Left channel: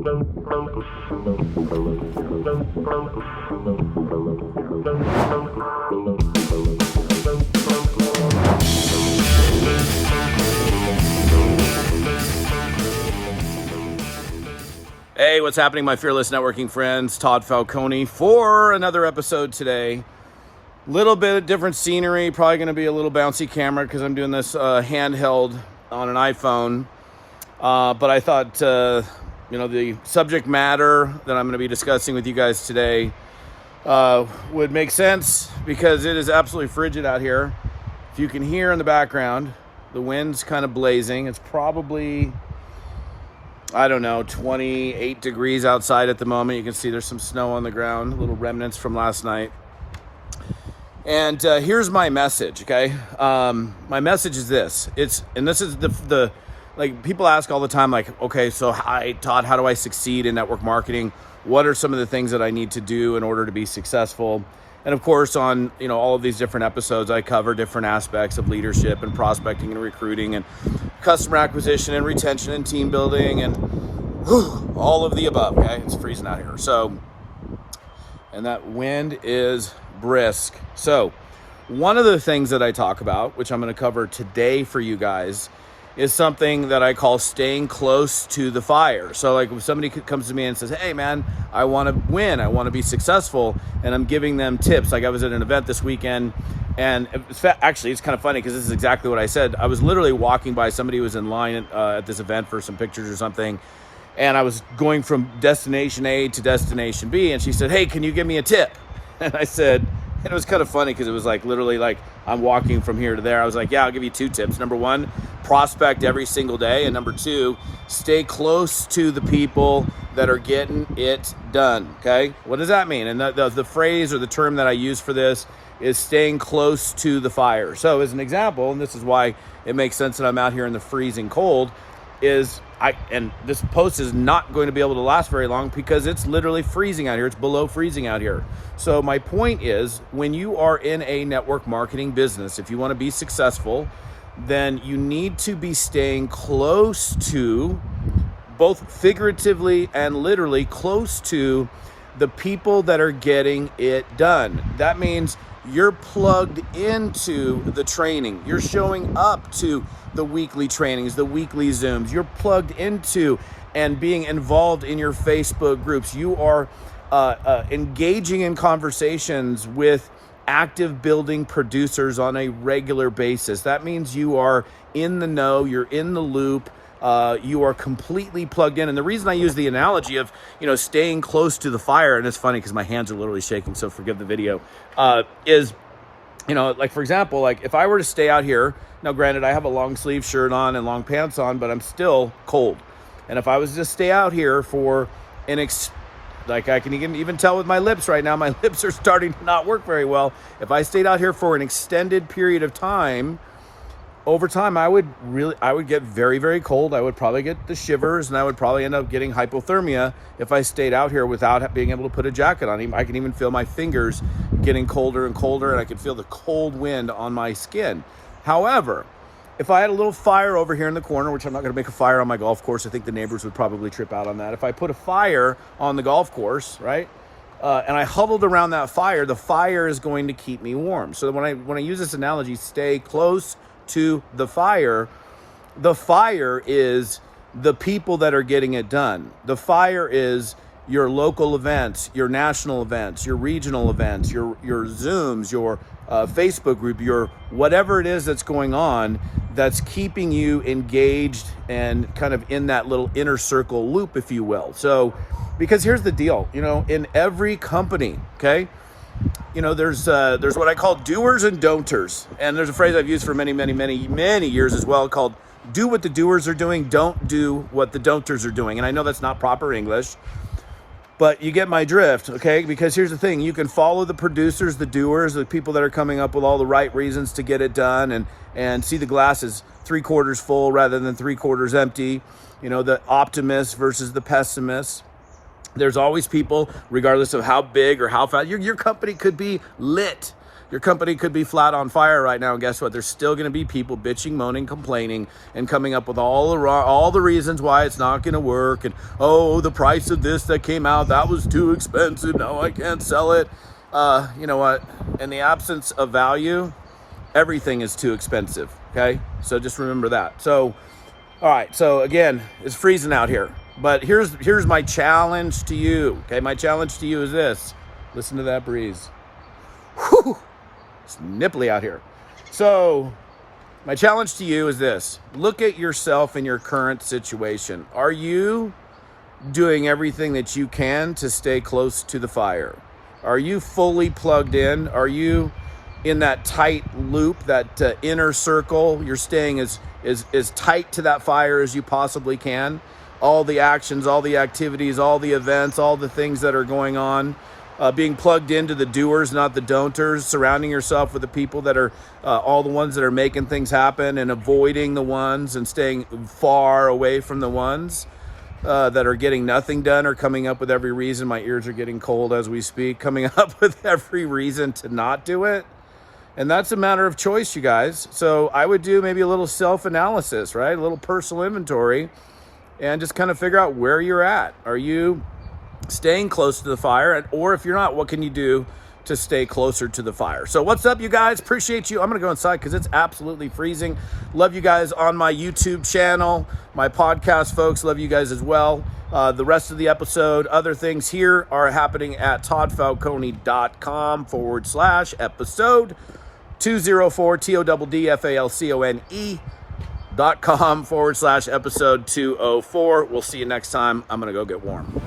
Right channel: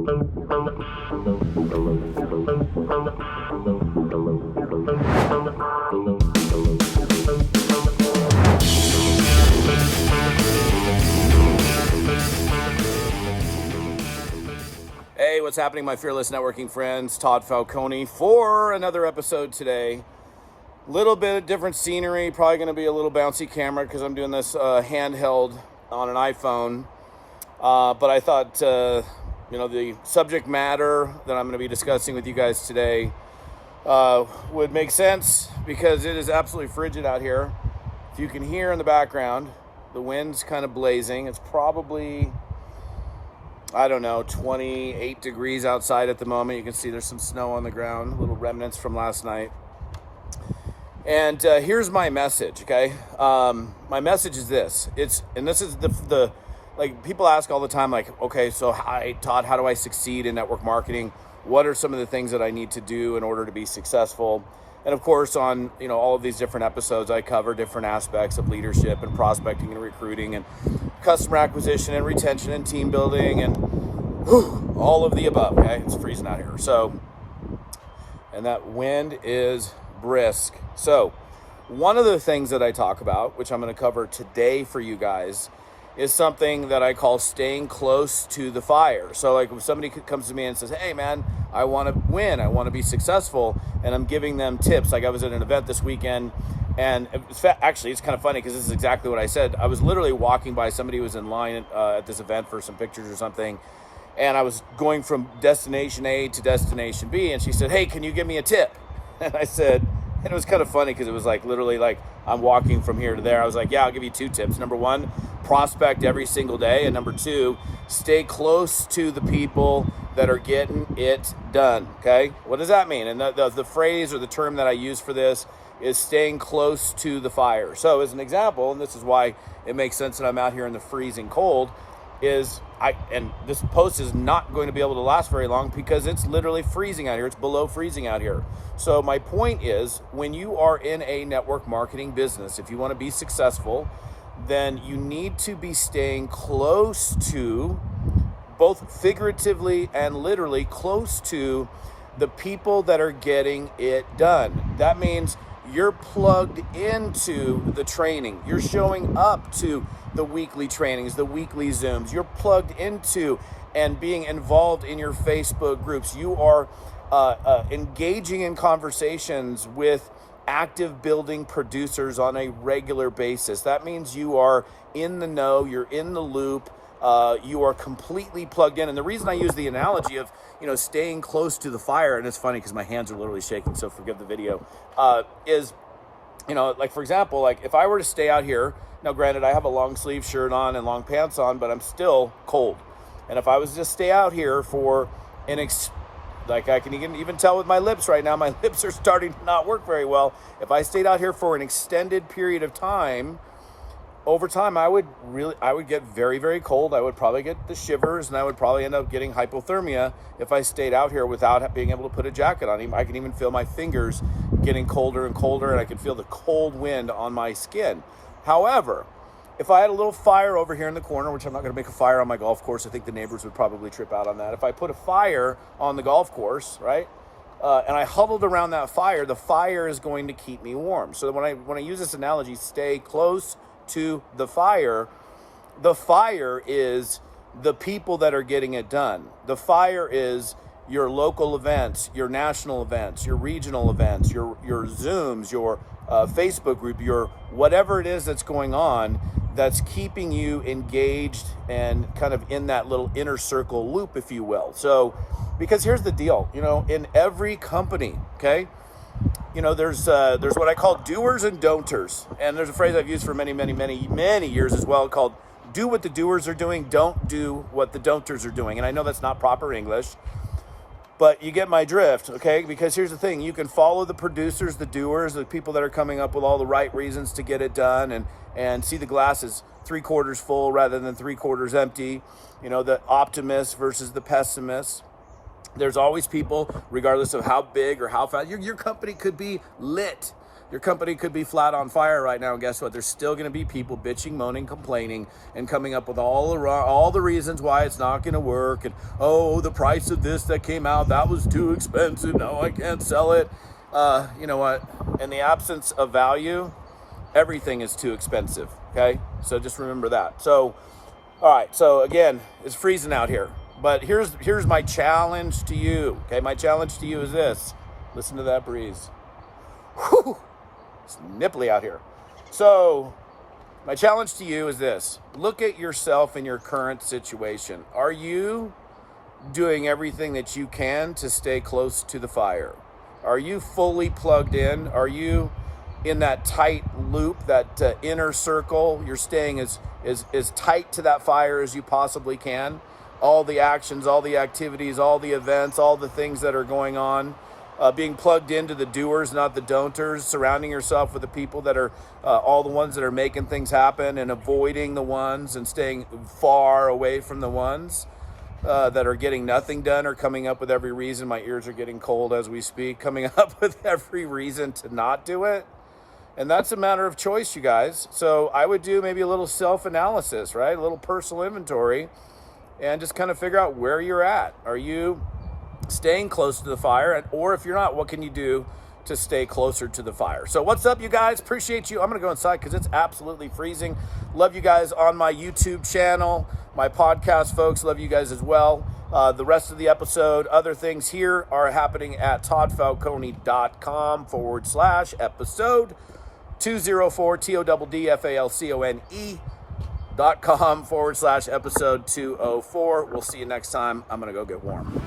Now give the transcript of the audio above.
Hey, what's happening, my fearless networking friends? Todd Falcone for another episode today. Little bit of different scenery, probably going to be a little bouncy camera because I'm doing this handheld on an iPhone. But I thought, the subject matter that I'm going to be discussing with you guys today would make sense because it is absolutely frigid out here. If you can hear in the background, the wind's kind of blazing. It's probably, 28 degrees outside at the moment. You can see there's some snow on the ground, little remnants from last night. And here's my message, okay? My message is this. This is the like, people ask all the time, like, okay, so hi, Todd, how do I succeed in network marketing? What are some of the things that I need to do in order to be successful? And of course, on all of these different episodes, I cover different aspects of leadership and prospecting and recruiting and customer acquisition and retention and team building and all of the above, okay? It's freezing out here. So, and that wind is brisk. So one of the things that I talk about, which I'm going to cover today for you guys, is something that I call staying close to the fire. So like if somebody comes to me and says, hey man, I want to win, I want to be successful, and I'm giving them tips. Like I was at an event this weekend, and actually it's kind of funny because this is exactly what I said. I was literally walking by, somebody who was in line at this event for some pictures or something, and I was going from destination A to destination B, and she said, hey, can you give me a tip? And I said, and it was kind of funny because it was like literally like I'm walking from here to there. I was like, yeah, I'll give you 2 tips. Number 1, prospect every single day. And number 2, stay close to the people that are getting it done. Okay. What does that mean? And the phrase or the term that I use for this is staying close to the fire. So as an example, and this is why it makes sense that I'm out here in the freezing cold, and this post is not going to be able to last very long because it's literally freezing out here. It's below freezing out here. So my point is, when you are in a network marketing business, if you want to be successful, then you need to be staying close to, both figuratively and literally, close to the people that are getting it done. That means you're plugged into the training. You're showing up to the weekly trainings, the weekly Zooms. You're plugged into and being involved in your Facebook groups. You are engaging in conversations with active building producers on a regular basis. That means you are in the know, you're in the loop, you are completely plugged in. And the reason I use the analogy of, staying close to the fire, and it's funny because my hands are literally shaking, so forgive the video, is, like for example, like if I were to stay out here, now granted I have a long sleeve shirt on and long pants on, but I'm still cold. And if I was to stay out here for like I can even tell with my lips right now, my lips are starting to not work very well. If I stayed out here for an extended period of time, over time, I would get very, very cold. I would probably get the shivers, and I would probably end up getting hypothermia if I stayed out here without being able to put a jacket on. I can even feel my fingers getting colder and colder, and I can feel the cold wind on my skin. However, if I had a little fire over here in the corner, which I'm not going to make a fire on my golf course, I think the neighbors would probably trip out on that. If I put a fire on the golf course, right, and I huddled around that fire, the fire is going to keep me warm. So when I use this analogy, stay close to the fire is the people that are getting it done. The fire is your local events, your national events, your regional events, your Zooms, your Facebook group, your whatever it is that's going on that's keeping you engaged and kind of in that little inner circle loop, if you will. So, because here's the deal, in every company, okay, there's what I call doers and don'ters. And there's a phrase I've used for many, many, many, many years as well called do what the doers are doing, don't do what the don'ters are doing. And I know that's not proper English, but you get my drift, okay? Because here's the thing, you can follow the producers, the doers, the people that are coming up with all the right reasons to get it done and see the glass as 3/4 full rather than 3/4 empty, the optimist versus the pessimist. There's always people, regardless of how big or how fast, your company could be lit. Your company could be flat on fire right now, and guess what? There's still going to be people bitching, moaning, complaining, and coming up with all the reasons why it's not going to work. And, oh, the price of this that came out, that was too expensive. Now I can't sell it. You know what? In the absence of value, everything is too expensive, okay? So just remember that. So, all right. So, again, it's freezing out here. But here's my challenge to you, okay? My challenge to you is this. Listen to that breeze. Whew. It's nipply out here. So my challenge to you is this. Look at yourself in your current situation. Are you doing everything that you can to stay close to the fire? Are you fully plugged in? Are you in that tight loop, that inner circle? You're staying as tight to that fire as you possibly can. All the actions, all the activities, all the events, all the things that are going on. Being plugged into the doers, not the don'ters, surrounding yourself with the people that are all the ones that are making things happen, and avoiding the ones and staying far away from the ones that are getting nothing done or coming up with every reason. My ears are getting cold as we speak. Coming up with every reason to not do it. And that's a matter of choice, you guys. So I would do maybe a little self-analysis, right? A little personal inventory, and just kind of figure out where you're at. Are you staying close to the fire? Or if you're not, what can you do to stay closer to the fire? So what's up, you guys? Appreciate you. I'm going to go inside because it's absolutely freezing. Love you guys on my YouTube channel, my podcast folks. Love you guys as well. The rest of the episode, other things here are happening at toddfalcone.com/episode 204, TODDFALCONE.com/episode 204. We'll see you next time. I'm going to go get warm.